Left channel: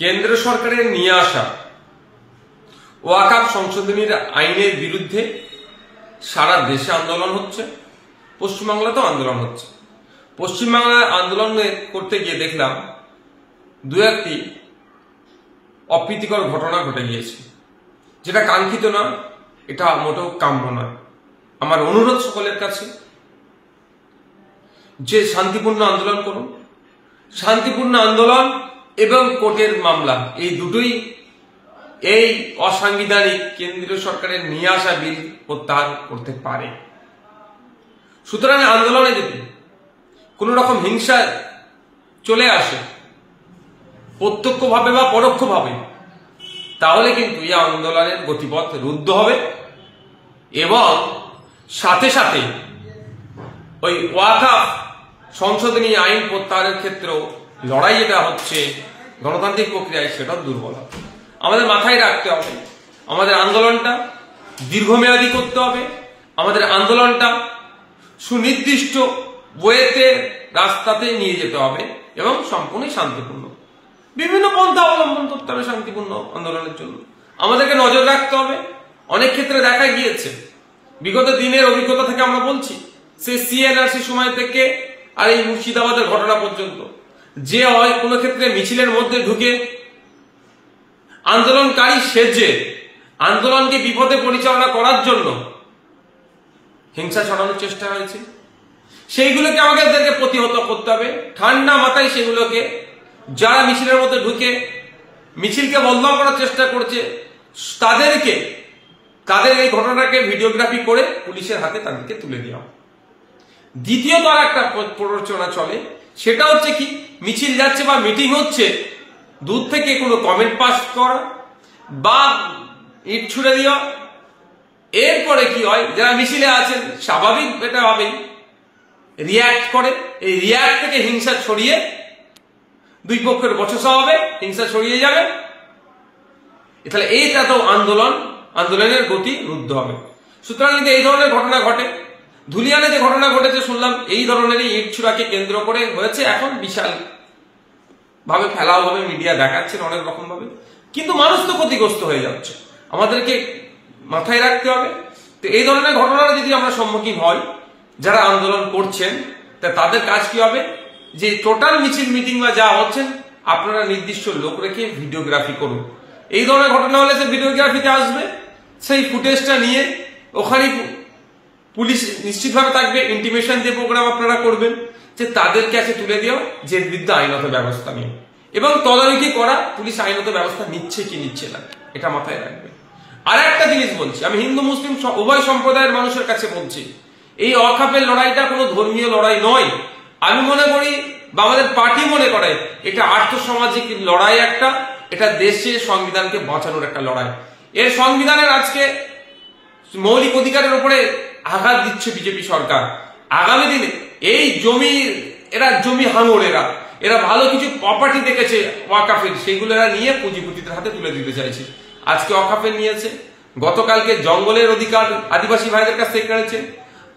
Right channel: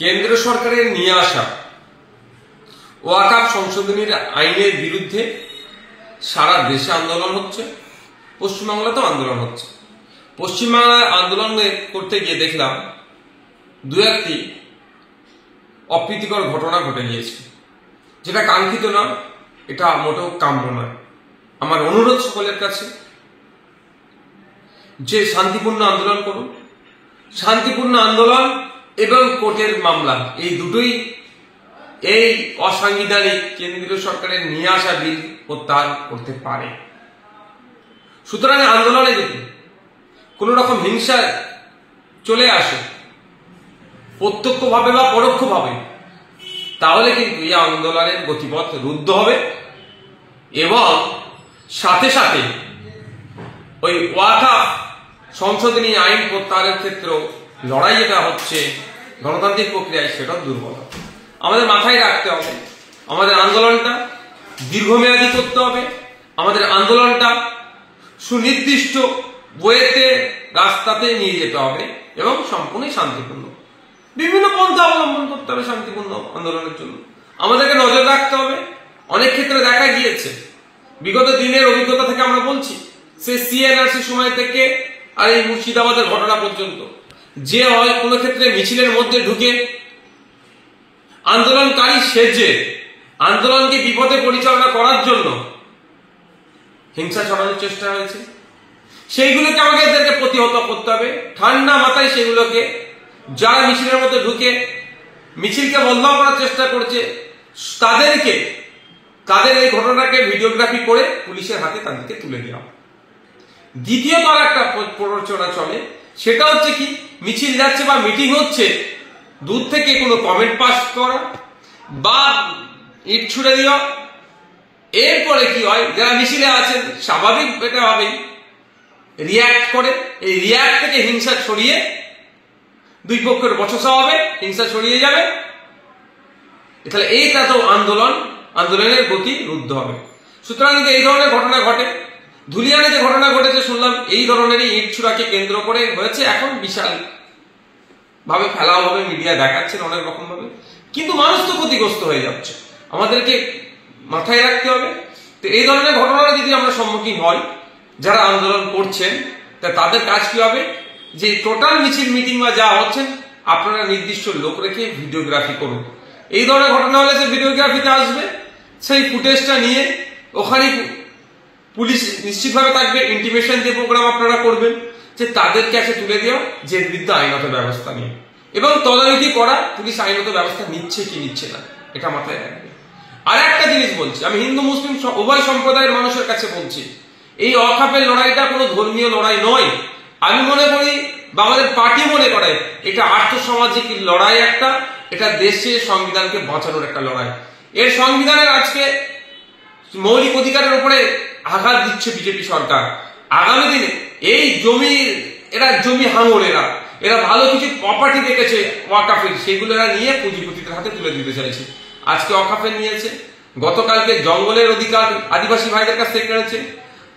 কেন্দ্র সরকারের নিয়ে আসা ওয়াকফ সংশোধনীর আইনের বিরুদ্ধে সারা দেশে আন্দোলন হচ্ছে, পশ্চিমবাংলাতেও আন্দোলন হচ্ছে। পশ্চিমবাংলায় আন্দোলন করতে গিয়ে দেখলাম দু একটি অপ্রীতিকর ঘটনা ঘটে গিয়েছে, যেটা কাঙ্ক্ষিত না, এটা মোটেও কাম্য নয়। আমার অনুরোধ সকলের কাছে যে শান্তিপূর্ণ আন্দোলন করুন। শান্তিপূর্ণ আন্দোলন এবং কোর্টের মামলা এই দুটোই এই অসাংবিধানিক কেন্দ্রীয় সরকারের নিয়ে আসা বিল প্রত্যাহার করতে পারে। সুতরাং আন্দোলনে যদি কোন রকম হিংসা চলে আসে প্রত্যক্ষভাবে বা পরোক্ষভাবে, তাহলে কিন্তু এই আন্দোলনের গতিপথ রুদ্ধ হবে এবং সাথে সাথে ওই ওয়াকফ সংশোধনী আইন প্রত্যাহারের ক্ষেত্রেও লড়াই যেটা হচ্ছে গণতান্ত্রিক প্রক্রিয়ায়, সেটা দুর্বল হবে। আমাদের মাথায় রাখতে হবে, আমাদের আন্দোলনটা দীর্ঘমেয়াদী করতে হবে। আমাদের আন্দোলনটা সুনির্দিষ্ট ওয়েতে রাস্তাতে নিয়ে যেতে হবে এবং সম্পূর্ণ শান্তিপূর্ণ। বিভিন্ন পন্থা অবলম্বন করতে হবে শান্তিপূর্ণ আন্দোলনের জন্য। আমাদেরকে নজর রাখতে হবে। অনেক ক্ষেত্রে দেখা গিয়েছে, বিগত দিনের অভিজ্ঞতা থেকে আমরা বলছি, সে সিএনআরসি সময় থেকে আর এই মুর্শিদাবাদের ঘটনা পর্যন্ত, যে হয় কোনো ক্ষেত্রে মিছিলের মধ্যে ঢুকে আন্দোলনকারী সেজে আন্দোলনকে বিপদে পরিচালনা করার জন্য হিংসা ছড়ানোর চেষ্টা হয়েছে। সেইগুলোকে আমাদেরকে প্রতিহত করতে হবে ঠান্ডা মাথায়। সেগুলোকে যারা মিছিলের মধ্যে ঢুকে মিছিলকে বদনাম করার চেষ্টা করছে, তাদের এই ঘটনাকে ভিডিওগ্রাফি করে পুলিশের হাতে তাদেরকে তুলে দেওয়া। দ্বিতীয়ত আর একটা প্ররোচনা চলে, সেটা হচ্ছে কি, মিছিল যাচ্ছে বা মিটিং হচ্ছে, দূর থেকে কোনো কমেন্ট পাস করা বা ইট ছুড়ে দেওয়া। এরপরে কি হয়, যারা মিছিলে আছেন স্বাভাবিক এটা হবেই রিয়াক্ট করে, এই রিয়াক্ট থেকে হিংসা ছড়িয়ে দুই পক্ষের বচসা হবে, হিংসা ছড়িয়ে যাবে। তাহলে এইটা তো আন্দোলনের গতি রুদ্ধ হবে। সুতরাং কিন্তু এই ধরনের ঘটনা ঘটে। ধুলিয়ানে যে ঘটনা ঘটেছে শুনলাম, এই ধরনেরই ইট ছুড়াকে কেন্দ্র করে হয়েছে। এখন বিশাল ভাবে ফেলাও হবে, মিডিয়া দেখাচ্ছেন অনেক রকম ভাবে, কিন্তু মানুষ তো ক্ষতিগ্রস্ত হয়ে যাচ্ছে। আমাদেরকে মাথায় রাখতে হবে। তো এই ধরনের ঘটনার যদি আমরা সম্মুখীন হই, যারা আন্দোলন করছেন, তাদের কাজ কি হবে, যে টোটাল মিছিল মিটিং বা যা হচ্ছেন আপনারা নির্দিষ্ট লোক রেখে ভিডিওগ্রাফি করুন। এই ধরনের ঘটনা হলে যে ভিডিওগ্রাফিতে আসবে, সেই ফুটেজটা নিয়ে ওখানে পুলিশ নিশ্চিতভাবে থাকবে, ইন্টিমেশন যে প্রোগ্রাম আপনারা করবেন, যে তাদের কাছে তুলে দেওয়া, যে বিরুদ্ধে আইনত ব্যবস্থা নিয়ে, এবং তদারকি করা পুলিশ আইনত ব্যবস্থা নিচ্ছে কি নিচ্ছে না, এটা মাথায় রাখবে। আর একটা জিনিস বলছি, আমি হিন্দু মুসলিম উভয় সম্প্রদায়ের মানুষের কাছে বলছি, এই ওয়াকফের লড়াইটা কোনো ধর্মীয় লড়াই নয়। আমি মনে করি বা আমাদের পার্টি মনে করে এটা আর্থসামাজিক লড়াই একটা, এটা দেশে সংবিধানকে বাঁচানোর একটা লড়াই। এর সংবিধানের আজকে মৌলিক অধিকারের উপরে আঘাত দিচ্ছে বিজেপি সরকার। আগামী দিনে এই এরা জমি হাঙর, এরা ভালো কিছু প্রপার্টি দেখেছে ওয়াকফের, সেগুলো এরা নিয়ে পুঁজিপতিদের হাতে তুলে দিতে চাইছে। আজকে ওয়াকফের নিয়েছে, গতকালকে জঙ্গলের অধিকার আদিবাসী ভাইদের কাছ থেকে কেড়েছে,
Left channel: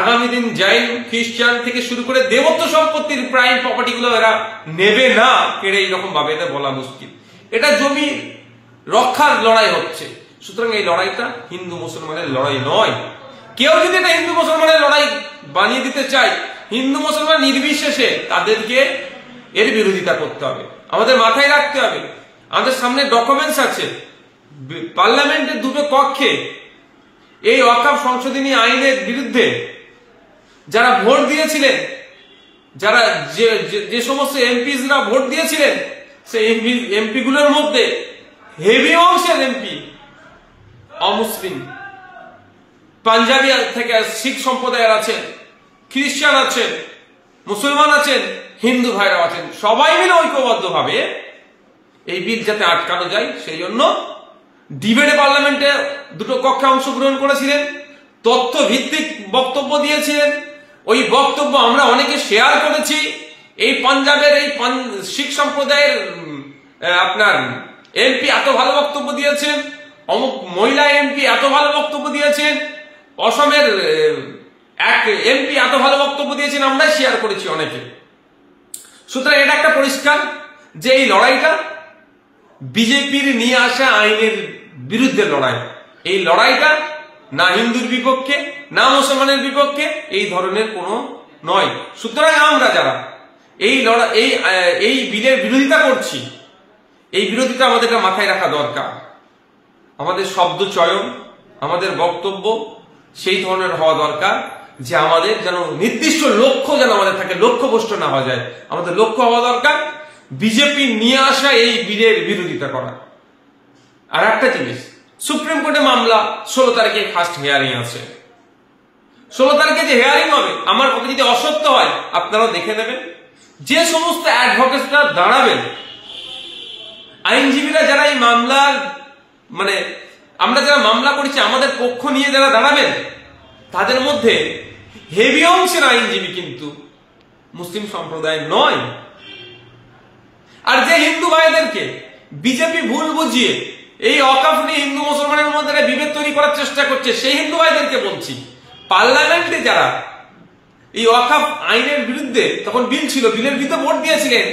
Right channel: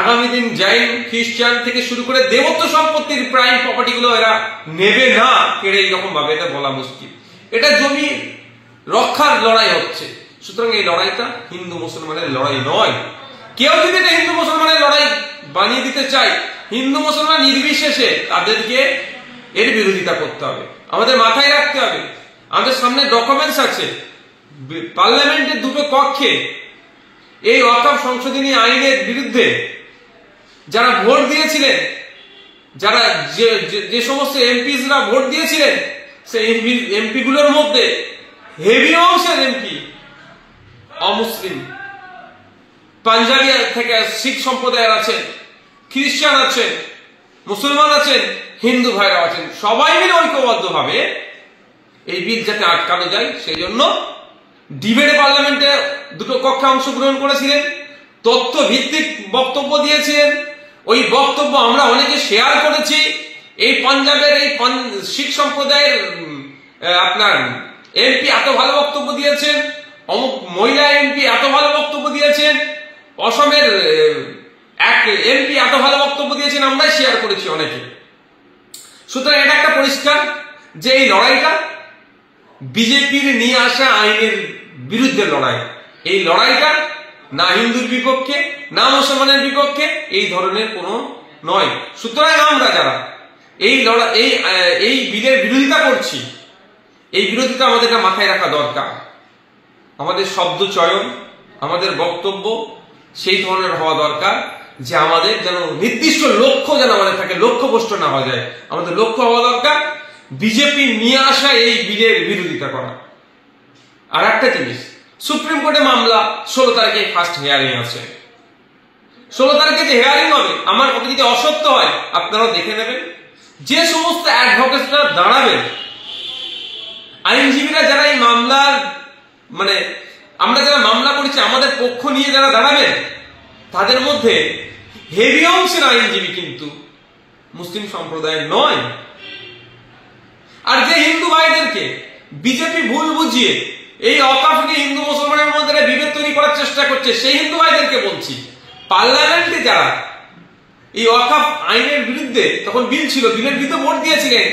আগামী দিন জৈন খ্রিস্টান থেকে শুরু করে দেবত্ব সম্পত্তির প্রাইম প্রপার্টি গুলো এরা নেবে না কেড়ে, এইরকম ভাবে এটা বলা মুশকিল। এটা জমি রক্ষার লড়াই হচ্ছে। সুতরাং এই লড়াইটা হিন্দু মুসলমানের লড়াই নয়। কেউ যদি এটা হিন্দু মুসলমানের লড়াই বানিয়ে দিতে চায়, হিন্দু মুসলমান নির্বিশেষে তাদেরকে এর বিরোধিতা করতে হবে। আমাদের মাথায় রাখতে হবে, আমাদের সামনে ডকুমেন্টস আছে, পার্লামেন্টের দুটো কক্ষে এই ওয়াকফ সংশোধনী আইনের বিরুদ্ধে যারা ভোট দিয়েছিলেন, যারা যে সমস্ত এমপিরা ভোট দিয়েছিলেন, সেই এমপি গুলোর মধ্যে হেভি অংশের এমপি অমুসলিম, পাঞ্জাবি থেকে শিখ সম্প্রদায়ের আছেন, খ্রিস্টান আছেন, মুসলমান আছেন, হিন্দু ভাইরা আছেন। সবাই মিলে ঐক্যবদ্ধ ভাবে এই বিল যাতে আটকানো যায়, সেই জন্য ডিবেটে পার্লামেন্টে দুটো কক্ষে অংশগ্রহণ করেছিলেন, তথ্য ভিত্তিক বক্তব্য দিয়েছিলেন। ওই বক্তব্য আমরা অনেকে শেয়ার করেছি। এই পাঞ্জাবের এই শিখ সম্প্রদায়ের আপনার এমপি এত ভালো বক্তব্য দিয়েছেন, অমুক মহিলা এমপি এত ভালো বক্তব্য দিয়েছেন, অসমের এক এমপি এত ভালো বক্তব্য দিয়েছেন, আমরাই শেয়ার করেছি অনেকে। সুতরাং এটা একটা পরিষ্কার যে এই লড়াইটা বিজেপির নিয়ে আসা আইনের বিরুদ্ধে লড়াই। এই লড়াইটা না হিন্দুর বিপক্ষে না মুসলমানের বিপক্ষে এই ধরনের কোনো নয়। সুতরাং আমরা যারা এই বিলের বিরোধিতা করছি, এই বিরোধিতা আমাদেরকে মাথায় রাখা দরকার। আমাদের শব্দ চয়ন, আমাদের বক্তব্য সেই ধরনের হওয়া দরকার যে আমাদের যেন নির্দিষ্ট লক্ষ্য যেন আমাদের থাকে, লক্ষ্যভ্রষ্ট না হওয়া যায়। আমাদের লক্ষ্য হওয়া দরকার বিজেপি নিয়ে আসা এই বিলের বিরোধিতা করা। আর একটা জিনিস, সুপ্রিম কোর্টে মামলা 16 তারিখে ফার্স্ট হিয়ারিং আছে। 16 তারিখে যে হিয়ারিং হবে, আমার কথা যদি অসত্য হয় আপনারাও দেখে নেবেন। যে সমস্ত অ্যাডভোকেটরা দাঁড়াবেন, আইনজীবীরা যারা এই মামলার আমরা যারা মামলা করেছি আমাদের পক্ষ নিয়ে যারা দাঁড়াবেন, তাদের মধ্যে হেভি অংশের আইনজীবী কিন্তু মুসলিম সম্প্রদায়ের নয়। আর যে হিন্দু ভাইদেরকে বিজেপি ভুল বুঝিয়ে এই অকাফ নিয়ে হিন্দু মুসলমানের মধ্যে বিভেদ তৈরি করার চেষ্টা করছে, সেই হিন্দু ভাইদেরকে বলছি, পার্লামেন্টে যারা এই ওয়াকফ আইনের বিরুদ্ধে তখন বিল ছিল, বিলের বিরুদ্ধে ভোট দিয়েছিলেন,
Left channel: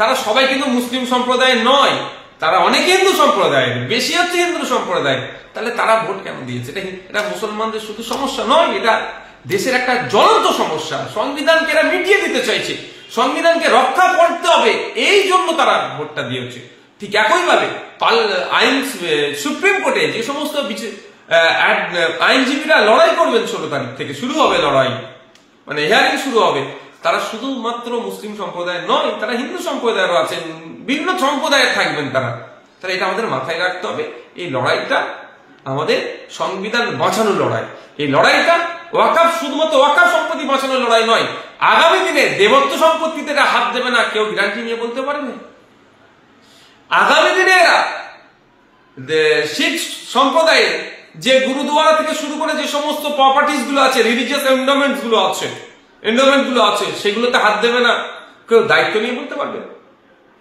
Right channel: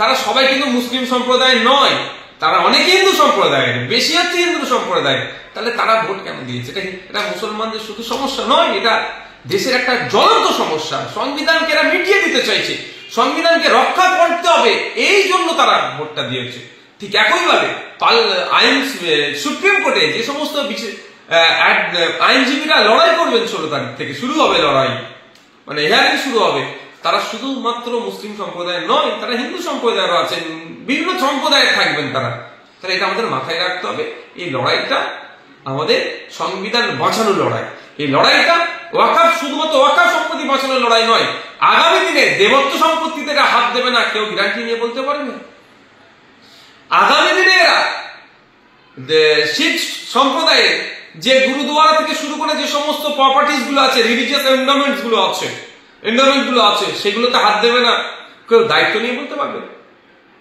তারা সবাই কিন্তু মুসলিম সম্প্রদায়ের নয়, তারা অনেকে হিন্দু সম্প্রদায়ের, বেশি হচ্ছে হিন্দু সম্প্রদায়। তাহলে তারা ভোট কেন দিয়েছে? এটা মুসলমানদের শুধু সমস্যা নয়, এটা দেশের একটা জ্বলন্ত সমস্যা। সংবিধানকে এরা মিটিয়ে দিতে চাইছে, সংবিধানকে রক্ষা করতে হবে, এই জন্য তারা ভোটটা দিয়েছে। ঠিক একইভাবে সুপ্রিম কোর্টে যে সমস্ত আইনজীবীরা লড়াই করবেন, 16 তারিখ থেকে শুরু হবে লড়াই, হিয়ারিং শুরু হবে, তারা শুধুমাত্র মুসলিম সম্প্রদায়ের নয়, তারা হিন্দু সম্প্রদায়েরও আছেন, বিভিন্ন সম্প্রদায়ের থাকবেন তারা। তাহলে এটা আমাদের মাথায় রাখতে হবে। এই লড়াইটা আমাদের সংবিধান বাঁচানোর লড়াই। এই লড়াইটা ওয়াকফ শুধুমাত্র ওয়াকফ সম্পত্তি বাঁচানোর লড়াই নয়। আগামী দিনে দেবত্ব সম্পত্তি থেকে হাত দেবে না কেউ গ্যারান্টি নিয়ে বলতে পারে না। আগামী দিনে শিখ সম্প্রদায়ে যে গুরুদুয়ারা থেকে শুরু করে যে সমস্ত প্রপার্টিজ গুলো আছে, রিলিজিয়াস এন্ডোমেন্টস গুলো আছে, সেগুলোতে হাত দেবে না কেউ দায়িত্ব নিয়ে বলতে পারবে।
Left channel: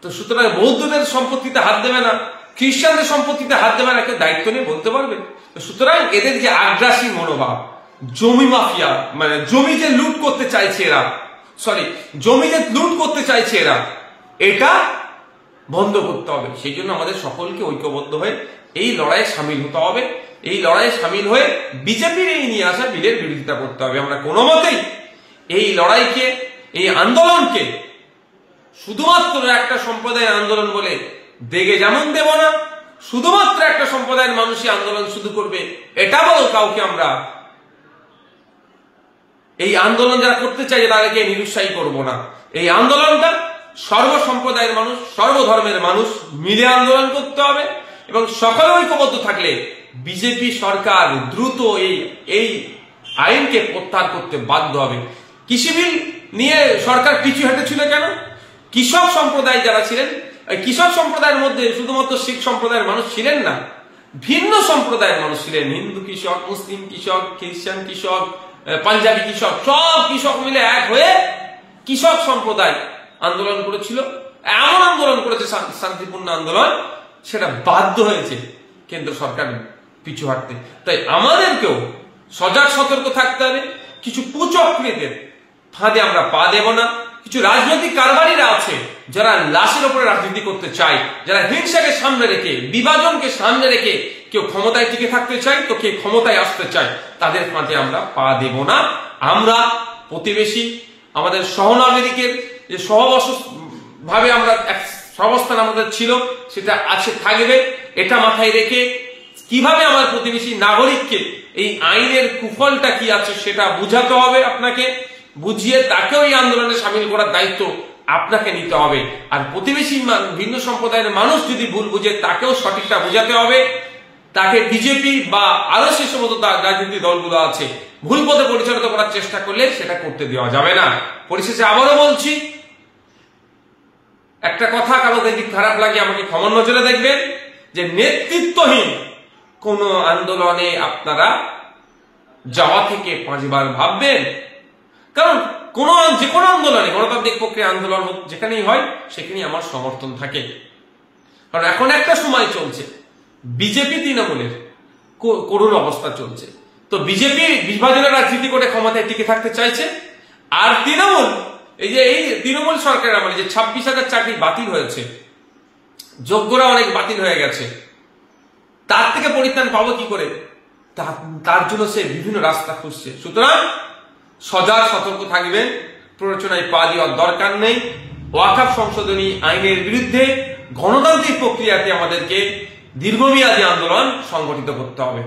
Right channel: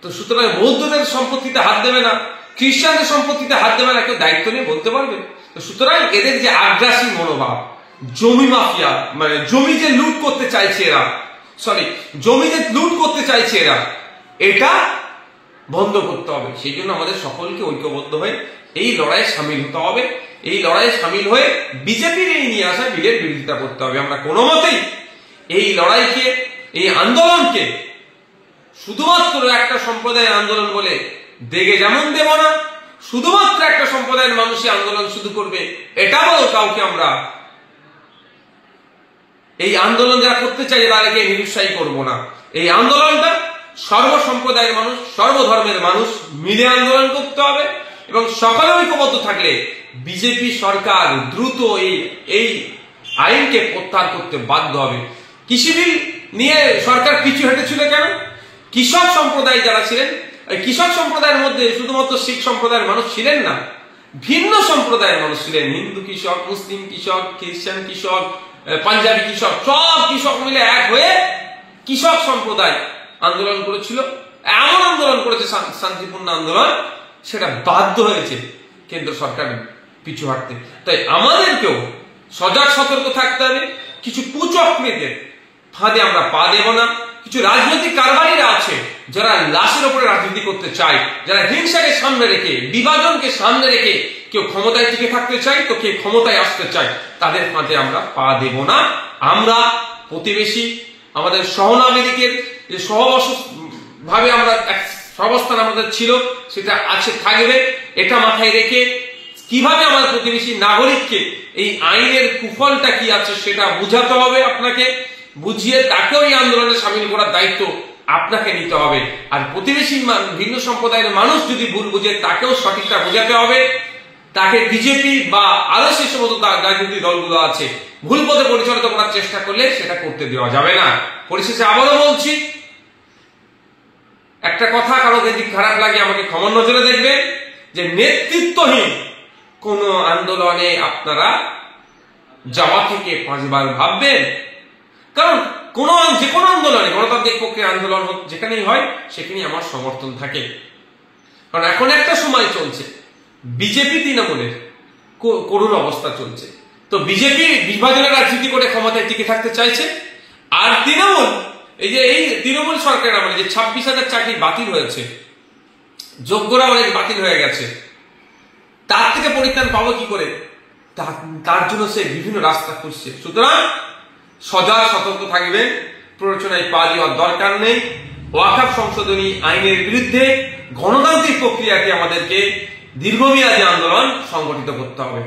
তো সুতরাং বৌদ্ধদের সম্পত্তিতে হাত দেবে না, খ্রিস্টানদের সম্পত্তিতে হাত দেবে না কেউ দায়িত্ব নিয়ে বলতে পারবে। সুতরাং এদের যে আগ্রাসী মনোভাব, জমি মাফিয়া, জমি যে লুট করতে চাইছে এরা, এটা বন্ধ করতে হবে। সেই জন্য আমাদের সকলকে ঐক্যবদ্ধ হয়ে এই লড়াইয়ে সামিল হতে হবে। এই লড়াইয়ে সামিল হয়ে বিজেপির এই নিয়ে আসা বিলের বিরোধিতা করতে হবে। আমরা কোনো মতেই এই লড়াইকে, এই আন্দোলনকে শুধুমাত্র একটা সম্প্রদায়ের আন্দোলন বলে দেগে যেমন দেব না, শুধুমাত্র একটা সম্প্রদায়ের মানুষই আন্দোলন শুধু করবে এটা বলো কাউকে আমরা এই আন্দোলন যারা করতে চাই তাদেরকে নিরুৎসাহী করব না। এই আন্দোলনটা সর্বসম্প্রদায়ের মানুষ, সর্বধর্মের মানুষ মিলে আন্দোলন করতে হবে এবং সকলে ঐক্যবদ্ধ থাকলে বিজেপি সরকার দ্রুত এই আইনকে প্রত্যাহার করতে বাধ্য হবে। কৃষি বিল নিয়ে সরকার পিছু হেঁটেছিল কেন? কৃষক সম্প্রদায় যারা ছিলেন, কৃষক সম্প্রদায়ের মধ্যে শুধুমাত্র শিখ সম্প্রদায়ের মানুষ ছিলেন না, ভিন্ন সম্প্রদায়ের মানুষ ছিলেন। হিন্দু কৃষক, মুসলিম কৃষক, খ্রিস্টান কৃষক, পাঞ্জাবি কৃষক, সব কৃষক মিলে এক হয়ে কৃষক সম্প্রদায় আন্দোলন করেছিল। এমন আন্দোলন করেছে, শান্তিপূর্ণ আন্দোলন, সেটা বাধ্য হয়েছে কেন্দ্র সরকার পিছু হাঁটতে। তাই আমাদেরকেও সজাগ সতর্ক থাকতে হবে। কিছু কুচক্রীদের ফাঁদে আমরা পা দেব না। কিছু রাজনৈতিক কারবারিরা আছে যারা লাশের উপরে রাজনীতি করতে চায়, যারা হিংসাকে সামনে রেখে, বিভাজনকে সামনে রেখে কেউ ক্ষমতায় টিকে থাকতে চায় তো কেউ ক্ষমতায় আসতে চায়, তাদের ফাঁদে আমরা পা দেব না। আমরা প্রতিবেশী, আমাদের সহনাগরিকের যে ভাবে আমরা সহাবস্থান আমাদের ছিল সেটা আছে, থাকবে। এটা মাথায় রেখে কিভাবে আমার প্রতিবেশী নাগরিককে এই আইনের কুফলটা কি আছে সেটা বুঝাতে হবে, আপনাকে বুঝিয়ে তাকেও এই আন্দোলনে সামিল করার দায়িত্ব আপনাকে নিতে হবে। আর প্রতিবেশী ভিন্ন সম্প্রদায়ের মানুষ যদি ভুল বুঝে তাকেও সঠিকটা বোঝাতে হবে। তাকে বিজেপি বা আরো সেই সমস্ত রাজনৈতিক দলগুলো আছে ভুল পথে পরিচালিত করার চেষ্টা করলে সেটা করতে দেওয়া যাবে না। পরিশেষে আবারও বলছি, একটা কথা কারো যদি খারাপ লাগে আমাকে ক্ষমা নজরে দেখবেন, যে নেতৃত্বহীন কোন আন্দোলনে আপনারা যাওয়া থেকে 5 বার ভাববেন। কারণ যে কোনো আন্দোলনে, গণতান্ত্রিক প্রক্রিয়া আন্দোলন যেখানেই হয় সেখানেই আমার সমর্থন থাকে। কারণ এখন একটা সময় চলছে, বিজেপি তৃণমূলের করুণ অবস্থা চলছে। তো বিজেপি বিভাজনের রাজনীতি করে ক্ষমতায় টিকে থাকতে চাইছে, আর তৃণমূল এই তৃণমূল সরকার আমলে যে 26,000 চাকরি বাতিল হয়েছে, যোগ্যরা অনেক বাতিল হয়ে গেছে, তার থেকে পরিত্রাণ পাবো কি করে? তার জন্য সে বিভিন্ন রাস্তা খুঁজছে। সুতরাং সজাগ সতর্ক থাকবেন, প্ররোচনায় পা দেওয়ার দরকার নেই। ওয়াকফ সংশোধনী আইনের বিরুদ্ধে গণতান্ত্রিক প্রক্রিয়াকে আমাদেরকে দীর্ঘমেয়াদী আন্দোলন সংগঠিত করতে হবে।